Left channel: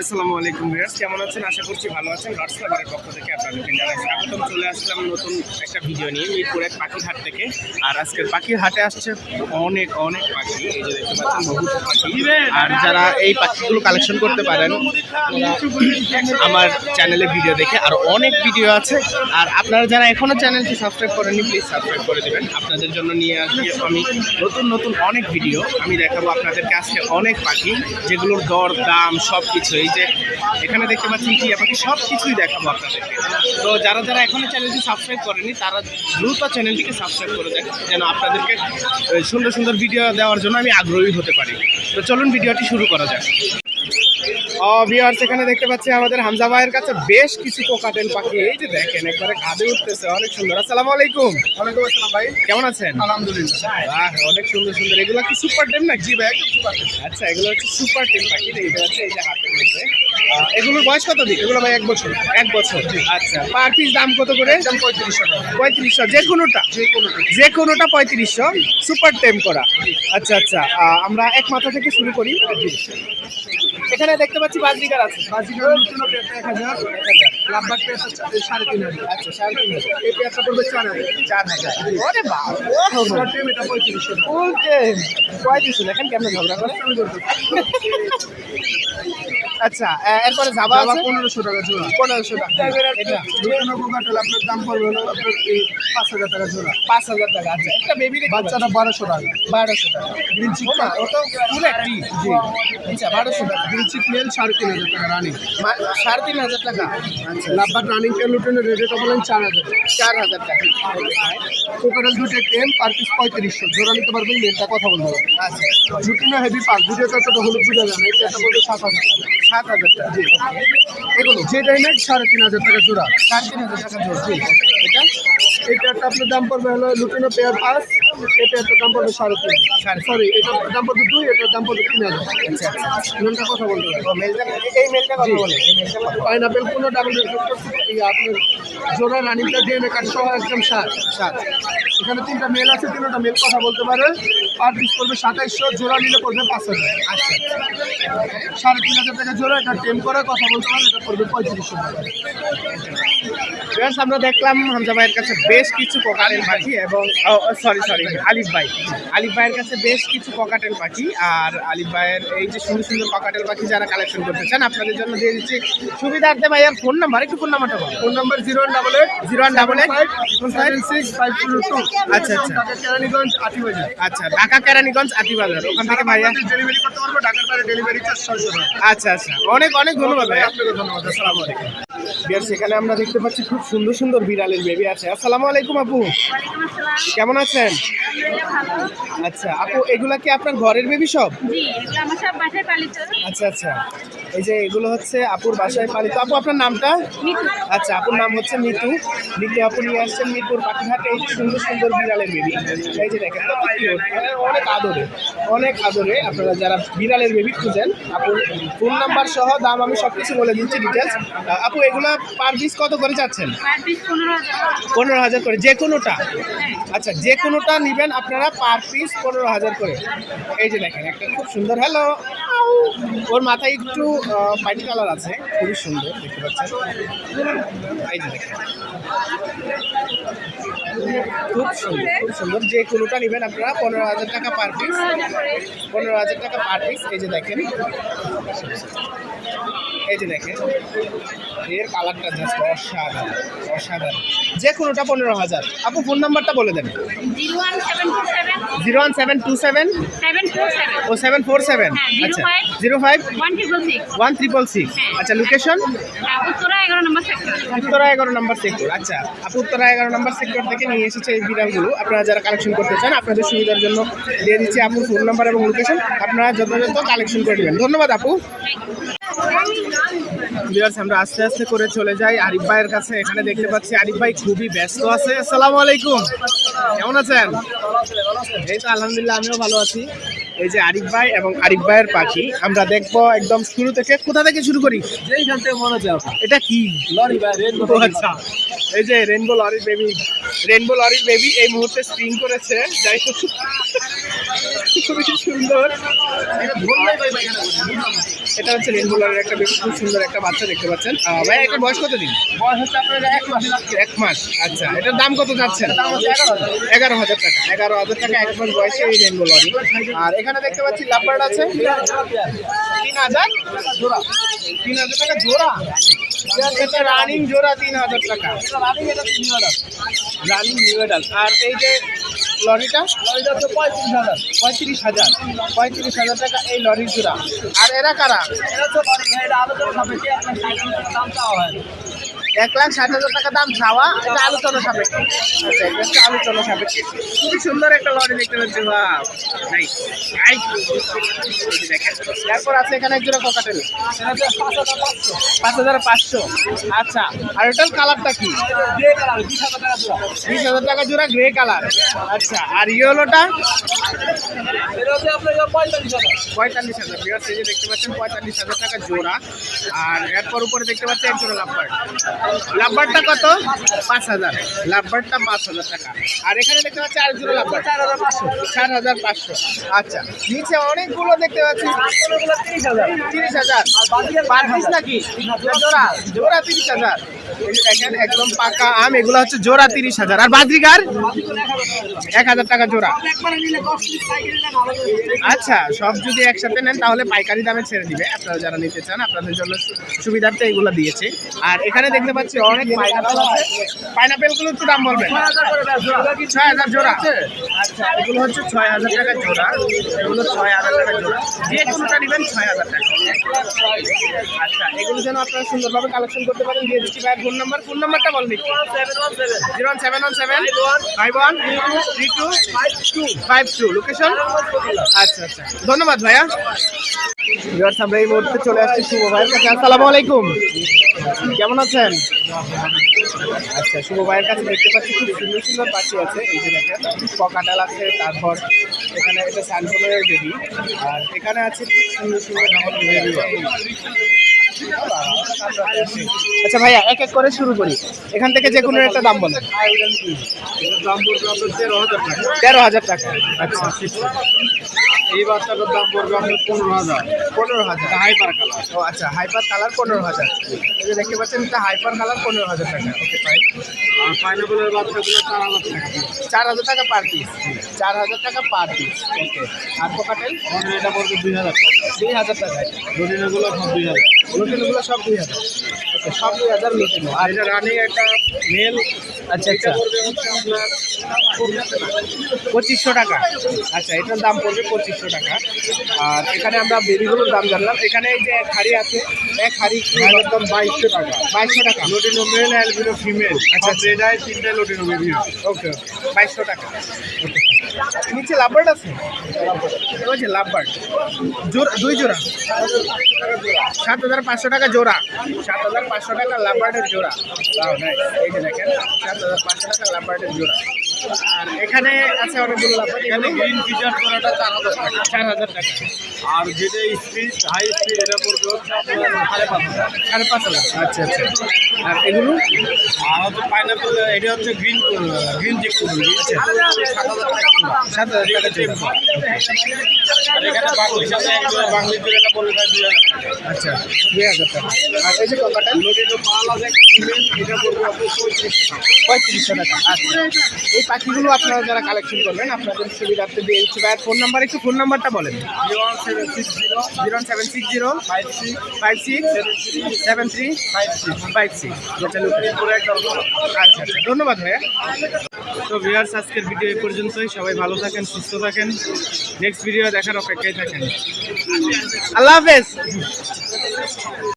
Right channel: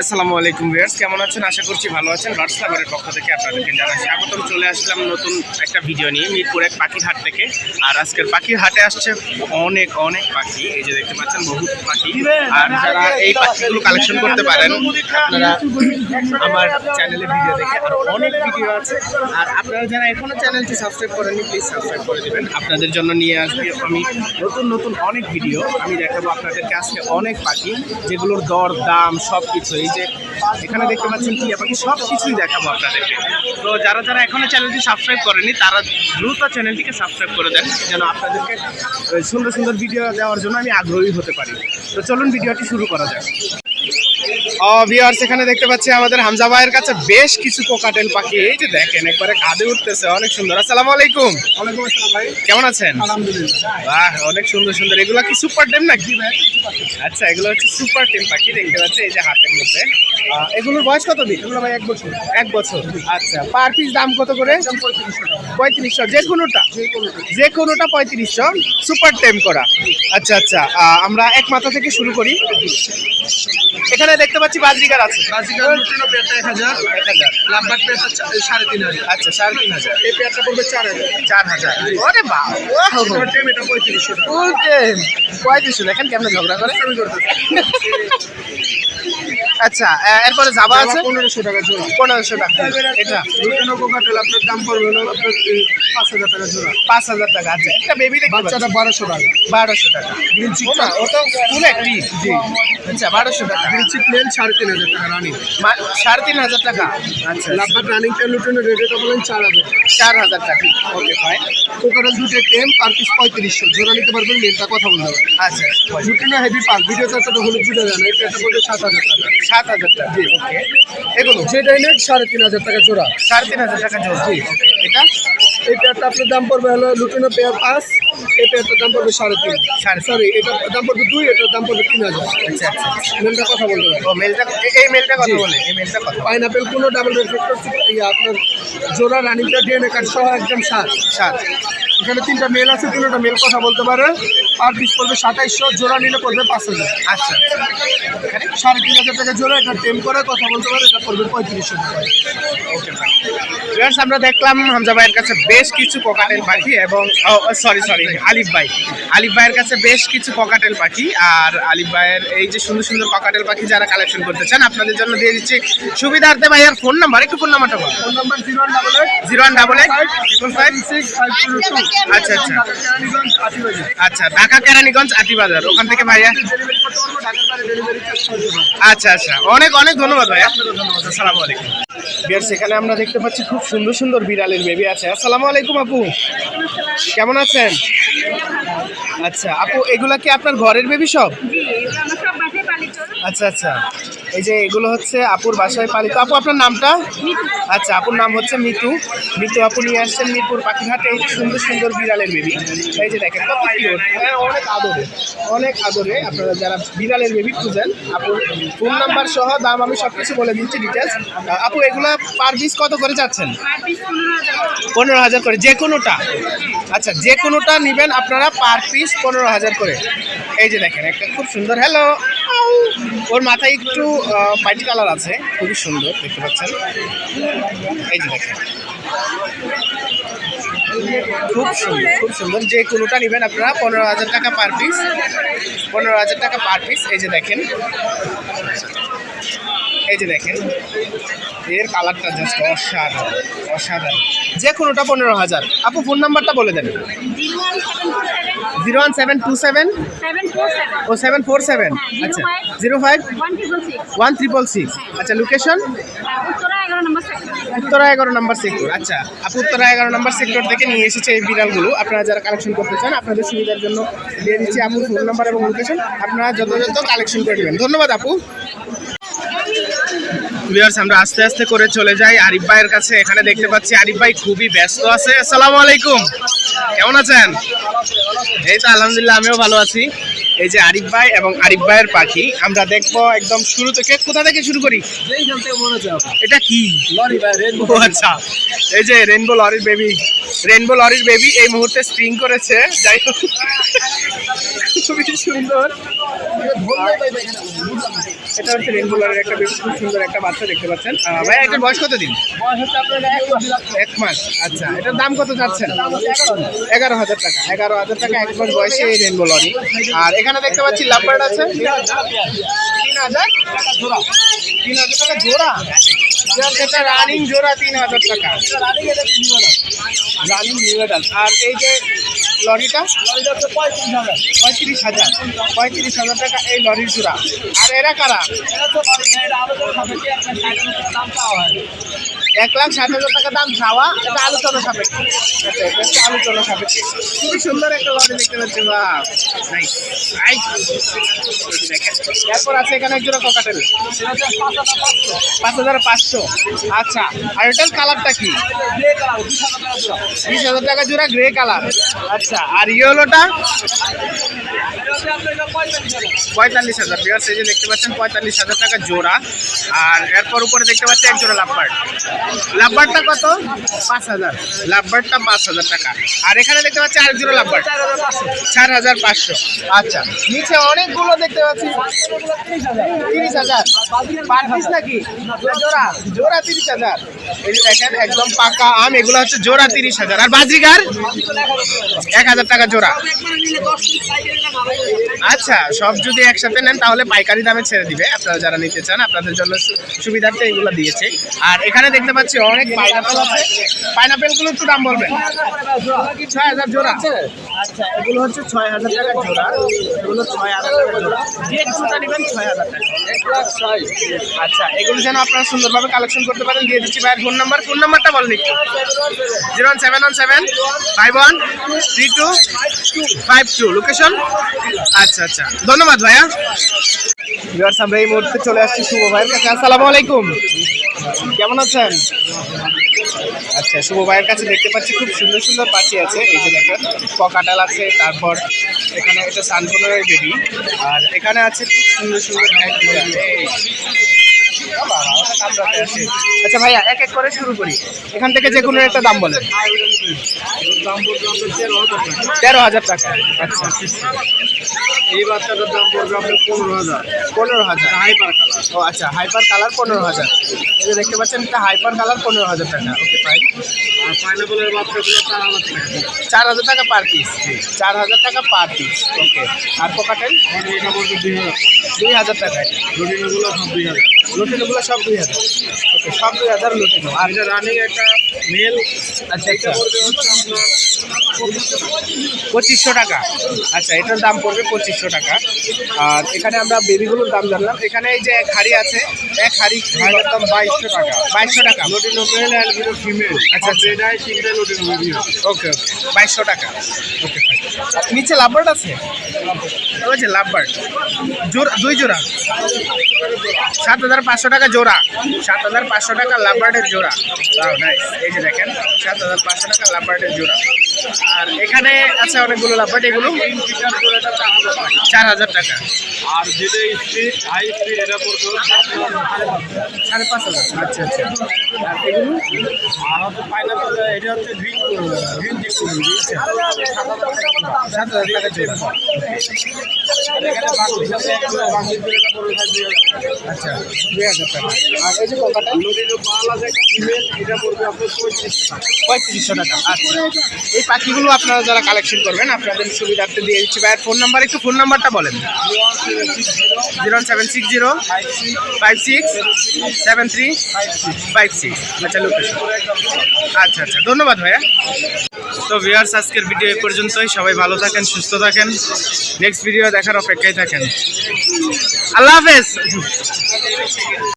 আসসালামু আলাইকুম ভিউয়ার্স, কেমন আছেন? আশা করছি ভালো আছেন। লর্ডস লাভারের পক্ষ থেকে আপনাদেরকে জানাই স্বাগতম। চলে আসলাম নতুন একটা ভিডিও নিয়ে, মিরপুর এক পাখির হাট থেকে। আর আজকের পাখির হাটে আসছে অনেক অনেক পাখি। এই যে দেখতে পাচ্ছেন, বহুত পাখি। আর যারা এই পাখিগুলো কালেকশন করতে পারেন, আপনারা আমার চ্যানেলে ভিডিও দেখে আর অনেক ভিডিও আছে। আর আপনারা যারা এখনও চ্যানেলটি সাবস্ক্রাইব করেননি প্লিজ সাবস্ক্রাইব করে দেবেন। আপনাদের জন্য নিয়ে আসবি আমি নতুন নতুন অনেক ভিডিও আমি দেখাবো আপনাদেরকে। আজকে অনেক পাখি, যেগুলোর দর, দাম, সব কিছু এই যে এখানে দেখতে পাচ্ছেন কি পাখি সব কিছুই দেখাবো আপনাদেরকে। তো যারা যারা এখনও চ্যানেলটি সাবস্ক্রাইব করেনি, তারা দ্রুত চ্যানেলটিকে সাবস্ক্রাইব করে দেন, যেন আপনাদেরকে সুন্দর সুন্দর ভিডিও দেওয়ার জন্য আমি আগ্রহী হতে পারি। তো চলুন ভিডিওটি শুরু করা যাক। ও ভিউয়ার্স এখানে দেখতে পাচ্ছি আমাদের হামজা ভাইয়ের কাছে বেশ কিছু কোকাটেল পাখি। এই যে দেখেন একবারে কাঁধে উঠতেছে অনেক সুন্দর। আসসালামু আলাইকুম। ওয়ালাইকুম আসসালাম ভাই। কেমন আছেন? আলহামদুলিল্লাহ। বাহ অনেক সুন্দর সুন্দর। এগুলো কি সুপার টেম নাকি? ভাই আচ্ছা এগুলো হচ্ছে সুপার টেম পাখি দেখতে পাচ্ছি এই যে হাতের মধ্যে। এগুলোর বয়স কত দিন? এগুলো ভাই এক বছর। এক বছর। আচ্ছা পার পিস দাম কত করে? পঁয়ত্রিশশো টাকা। পঁয়ত্রিশশো যে কোনোটা যে কোনোটা পঁয়ত্রিশশো সুপার টেম করা। আচ্ছা আচ্ছা আমরা এক মাথা থেকে শুরু করি। এখানে দেখতে পাচ্ছি বাজরিকার আছে। সাড়ে তিন হাজার। আচ্ছা সাড়ে তিন হাজার। এই পেয়ারটা পড়বে চার হাজার। চার ওরে পঁয়ত্রিশশো দেখেন কেমন ঝগড়া করে। আচ্ছা এরপরে যাবা আছে? পনেরোশো টাকা জোড়া। পনেরোশো টাকা। এটা? কোকাটেল আপনার দাম পড়বে হলো আপনার পাঁচ হাজার টাকা জোড়া। পাঁচ হাজার টাকা আচ্ছা একটা বেবি বাচ্চাটা বারোশো টাকা। বারোশো টাকা। ও না ও তো ফুল অ্যাক্টিভ জি। আচ্ছা বারোশো টাকা। গ্রিনচিপ মেল সাড়ে তিন হাজার টাকা রানিং সাড়ে তিন হাজার টাকা। আচ্ছা লাভবার রানিং পেয়ার লুটিনো রেটটা বলেন চার হাজার চার হাজার টাকা। ওকে ফাইন কোকাটেল দুটো টেম পার পিস পঁয়ত্রিশশো। জোড়া নিতে পারবেন মেলটা কথা বলতে পারবেন আচ্ছা লুটিনো হেভি পাক ভিডিওতে এতটা হলুদ বুঝা যায় না এই পেয়ারটা সাত হাজার টাকা। সাত হাজার টাকা। এগুলো। যেটা নেট সাড়ে তিন হাজার টাকা জোড়া। সাড়ে তিন হাজার টাকা জোড়া। এটা? এই পেয়ারটা আপনার দাম পড়বে হলো লুটিনো পেয়ার পাঁচ এই পেয়ারটার দাম পড়বে সাড়ে তিন। সাড়ে সরি এটার দাম পড়বে দুই এটার দাম পড়বে তিন হাজার। আচ্ছা আচ্ছা মেলটা কথা বলতে পারবেন ও মেলটা এই মেলটা কথা বলে এই মেলটা কথা পাইনাপেল কোনো ডাবল আপনার জোড়া রানিংটা ডিএনএ কার্ড সহ একদম সাত। সাত। এখানে তিনটা মেল আছে তিনটা মেল কথা বলতে পারে। পার পিস পড়বে সাতাইশশো জোড়া নিলে পড়বে পাঁচ হাজার। আচ্ছা আচ্ছা। এখানে? সাড়ে তিন হাজার টাকা জোড়া এটা টেম করে কথা বলতে পারে এটা পড়বে পঁয়ত্রিশশো টাকা। ভিউয়ার্স আমরা দেখলাম হামজা ভাইয়ের কাছে বেশ কিছু কোকাটেল পাখি এবং সরি সরি আলিফ ভাই। আলিফ ভাইয়ের কাছে বেশ কিছু ককাটেল পাখি আর আলিফ ভাইয়ের এই যে সুন্দর সুন্দর ককাটেল পাখি যারা কালেকশন করতে চান আপনাদের জন্য দিয়ে দিচ্ছি সুবিধার্থে ভাইয়ার ফোন নাম্বার একটু ফোন নাম্বারটা বলুন phone number zero one double eight zero one double eight triple five six five two two আচ্ছা আচ্ছা। আচ্ছা ঢাকা কেরানীগঞ্জ আতিবাজার ওখান থেকে ভাইয়া আচ্ছা আচ্ছা। অনেক অনেক ধন্যবাদ ভাইয়া। আসসালামু আলাইকুম। বিয়ার সেখানে আমরা দেখতে পাচ্ছি খুব সুন্দর সুন্দর বিড়ালের বেবি আছে। আসসালামু আলাইকুম আপু। কেমন আছেন? আচ্ছা আপু এগুলা কি আপনার ঘরের বেবি সব? আচ্ছা আচ্ছা। এই যে এগুলো হচ্ছে আপুর বাসায় পালিত আপু আপনার নামটা? আচ্ছা আপুর নাম হচ্ছে মিতু। মিতু আপু নিয়ে আসছেন মিরপুর পাখিঘাটে এই যে সুন্দর সুন্দর বিড়ালের বেবি। এই যে দেখেন কত কিউট অনেক আদরে অনেক আদরে আপনারা যারা বিড়ালের বেবি খুঁজেন আপুর ফোন নাম্বার সহ দাম আমি সব কিছু বলে দিচ্ছি ডিটেলস আপু এগুলা পার পিস কত করে যাচ্ছেন? পনেরো হাজার পনেরো হাজার করে যে কোনোটা। আচ্ছা যে কোনোটা নেবেন আপনারা পার পিস পনেরো হাজার করে। এই যে দেখেন একটা খুব সুন্দর। হ্যালো ওর মাথায় একটু হোয়াইট কালার আছে, খুবই সুন্দর, দেখতে পাচ্ছেন। এই যে দেখেন। খুব সুন্দর খুব সুন্দর। যে কোনোটা নেবেন আপনারা, পনেরো হাজার টাকা পার পিস পনেরো হাজার টাকা পার পিস এই যে দেখেন। এই যে দেখেন এর কালারটা জাস্ট অসাধারণ অসাধারণ। যে কোনোটা পনেরো হাজার। আপু ফোন নাম্বারটা বলে দেন। Zero one seven two seven. ও সেভেন ফোর সেভেন। হ্যাঁ, আচ্ছা। Zero five? One triple six triple six হ্যাঁ। আচ্ছা লোকেশন উত্তরা এগারো নম্বর সেক্টর উত্তরা এগারো নম্বর সেক্টর আচ্ছা আপু উত্তরা এগারো নম্বর সেক্টর থেকে নিয়ে এসেছে এই বিড়ালগুলো। আপনারা যারা কালেকশন করতে চান আপনাদের সুবিধার জন্য দিয়ে দিচ্ছি আপুর ফোন নাম্বার এবং লোকেশন আপনারা যথাযথ কালেকশন করে নেবেন। ধন্যবাদ আপু। ভিউয়ার্স আমরা আস্তে আস্তে করে চলে যাই। আরিফ ভাইয়ের কাছে এখানে দেখতে পাচ্ছি। আরিফ ভাই খুবই ব্যস্ত আছে। আসসালামু আলাইকুম। কেমন আছেন? এই তো আলহামদুলিল্লাহ আমিও ভালো আছি। এই যে আরিফ ভাই এবং আরিফ ভাইয়ের পাখি আমরা দেখব একদম শুরু থেকে। কোথা থেকে শুরু করি? এটা কি? লরি ভাই রেড আচ্ছা। এই যে রেনবো লরির বেবি রেনবো লরির বেবি এই মুহূর্তে স্প্রিং করেছে। যাই হোক। সুন্দর। এটা হচ্ছে রেনবোলারের একটা বেশ খুব সুন্দর একটা বাচ্চা দেখতে পাচ্ছেন। ভাইয়া এটার বয়স কত দিন? বয়স হচ্ছে আপনার এক মাস। এক মাস আচ্ছা। এটার দাম কত যাচ্ছেন এগারো হাজার। টাকা এগারো হাজার টাকা এক মাস বয়সে এই রেনবো লরি আর এখানে দেখতে পাচ্ছি লাভবার্ড আছে। তিন হাজার? জোড়া তিন হাজার টাকা জোড়া? এটা রানিং জোড়া তিন হাজার টাকা। রানিং নিউ আর এই যে লরিটা? এটা পঁয়ত্রিশ হাজার। পঁয়ত্রিশ হাজার পঁয়ত্রিশ হাজার টাকা এই লরির জোড়া। আর এরা কারা? এক লাখ ষাট হাজার টাকা দাম চাওয়া এটা আলোচনা সাপেক্ষে। আচ্ছা এটা হচ্ছে আলোচনা সাপেক্ষে। খুবই সুন্দর একটা লরি দেখতে পাচ্ছি এরপর আছে এখানে এক জোড়া ককাটেল। পাঁচ হাজার পাঁচশো। আচ্ছা আর এটার কালারটা কি? বিশ হাজার টাকা জোড়া গ্রে কালার। আচ্ছা আর ইয়েলোটা? পঁয়তাল্লিশ হাজার বিয়ার যে দেখতে পাচ্ছেন, পঁয়তাল্লিশ হাজার টাকা জোড়া। আর এরপর উপরে দেখতে পাচ্ছেন এক জোড়া লাভবার্ড লাভবার্ডটা কত? পাঁচ হাজার। লাভবার্ডটা পাঁচ হাজার টাকা। আর এখানে দেখতে পাচ্ছি আরেক জোড়া লাভবার্ড চার হাজার পাঁচশো। আচ্ছা নিচে অনেকগুলো দেখতে পাচ্ছি। তিরিশ হাজার। পার পিস নাকি? জোড়া। জোড়া তিরিশ হাজার। এই দেখেন, একদম পাকা আম, এগুলো হচ্ছে জোড়া তিরিশ হাজার। আর বাজিগার এক হাজার টাকা জোড়া। আচ্ছা সব যদি একসাথে নেন, তাহলে পাইকারি দামে ছেড়ে দিবে। আপনারা যারা নিতে চান, আপনাদের জন্য সুবিধার্থে এগুলো দিয়েছে। আর এখানে দেখতে পাচ্ছি অনেক পাইনাপেল আছে? পাইনাপেলগুলো একটু দাম বলবেন। ছয় হাজার জোড়া। আচ্ছা এগুলো হচ্ছে ছয় হাজার টাকা জোড়া। এগুলো ছয় হাজার টাকা জোড়া। যে কোনোটা নেবেন ছয় হাজার টাকা। আচ্ছা এগুলো যেন আপনারা সুন্দরভাবে কালেকশন করতে পারেন দিয়ে দিচ্ছি ভাইয়ের ফোন নাম্বার ফোন নাম্বারটা বলেন একটু। Zero one seven one seven five one three two five two. Location আচ্ছা আচ্ছা। ধন্যবাদ ভাইয়া। ভিউয়ার্স আমরা এই মুহূর্তে চলে আসছি শুভ ভাইয়ের কাছে। আসসালামু আলাইকুম। কেমন আছেন? আচ্ছা শুভ ভাইয়ের কাছে দেখতে পাচ্ছি খুব সুন্দর সুন্দর পাখি আছে। এই যে দেখেন পকাটাল আছে, তারপর এখানে এটা সানফোনের বেবি আর এখানে আছে খুব সুন্দর সুন্দর আচ্ছা ভাইয়া এক এক করে শুরু করি। এখান থেকে যে কোনো একটা দাম বলেন। তেরো হাজার টাকা। আচ্ছা। এই বাচ্চাটার দাম পড়বে আপনার পনেরো হাজার। পনেরো হাজার। হাইপার কালার ও আচ্ছা হাইপার কালার পনেরো হাজার। এই দেখতে পাচ্ছেন এটা হাইপার কালার পনেরো হাজার টাকা। ওকে ফাইন আর পাইনাপেলের বাচ্চাগুলো চার হাজার টাকা। চার হাজার টাকা পার পিস চার হাজার টাকা পার পিস ওকে আর এটা পড়বে দুই হাজার দুই হাজার টাকা। এটা দুই হাজার। লুটিনোগুলো সব দুই হাজার ওকে সব দুই হাজার লুটিনো আর এটা রানিং একটা মেল আচ্ছা আচ্ছা। পঁচিশশো টাকা। আচ্ছা এটার দাম পড়বে পঁচিশশো টাকা। আর এখানে আমরা বেবিগুলোর দাম জানলাম। এখানে এই যে এক হাড়ি আছে এক হাড়ি হাইলের দাম বাইশশো টাকা। বাইশশো টাকা। লুটিনো মেল অ্যালবিনো ফিমেল আচ্ছা এটাই তিনটে লুটিনো বেবি ওকে ওকে বাইশশো টাকা। ওকে নিচে লাভবার্ড আছে? যে লাভবার্ড। জোড়া দুই জোড়া। সাত হাজার পাঁচশো টাকা জোড়া। সাত হাজার পাঁচশো টাকা লাভবার্ডের জোড়া. এই যে দেখেন সাত হাজার পাঁচশো টাকা লাভবার্ডের জোড়া আর এখানে আছে অনেকগুলো লাভবার্ড এগুলো চার হাজার টাকা। আর যেটা স্পিড হাই স্পিড এটা পড়বে সাড়ে পাঁচ হাজার। আচ্ছা আচ্ছা। আর এগুলো? আর হচ্ছে পাইনাপেল এটা হচ্ছে গ্রিন গ্রিন চেক করুন সাত হাজার টাকা টাকা। আচ্ছা দুই হাজার টাকা। আর এই যে ককাটা লুটিনো পাল আছে একটা ফিমেল এটা পড়বে আপনার পঁয়ত্রিশশো টাকা আচ্ছা। পাখিগুলো আপনারা যারা কালেকশন করবেন, আপনাদের সুবিধার্থে দিয়ে দিচ্ছি। ভাইয়ের ফোন নাম্বার একটু ফোন নাম্বারটা বলেন। Zero seven six zero five six seven three five six আচ্ছা লোকেশন আচ্ছা আচ্ছা ধন্যবাদ ভাইয়া। তো ভিউয়ার্স আজকের ভিডিও এই পর্যন্তই। সবাই ভালো থাকেন, সুস্থ থাকেন। নেক্সট ভিডিও দেখার অপেক্ষায় থাকেন। আল্লাহ হাফেজ।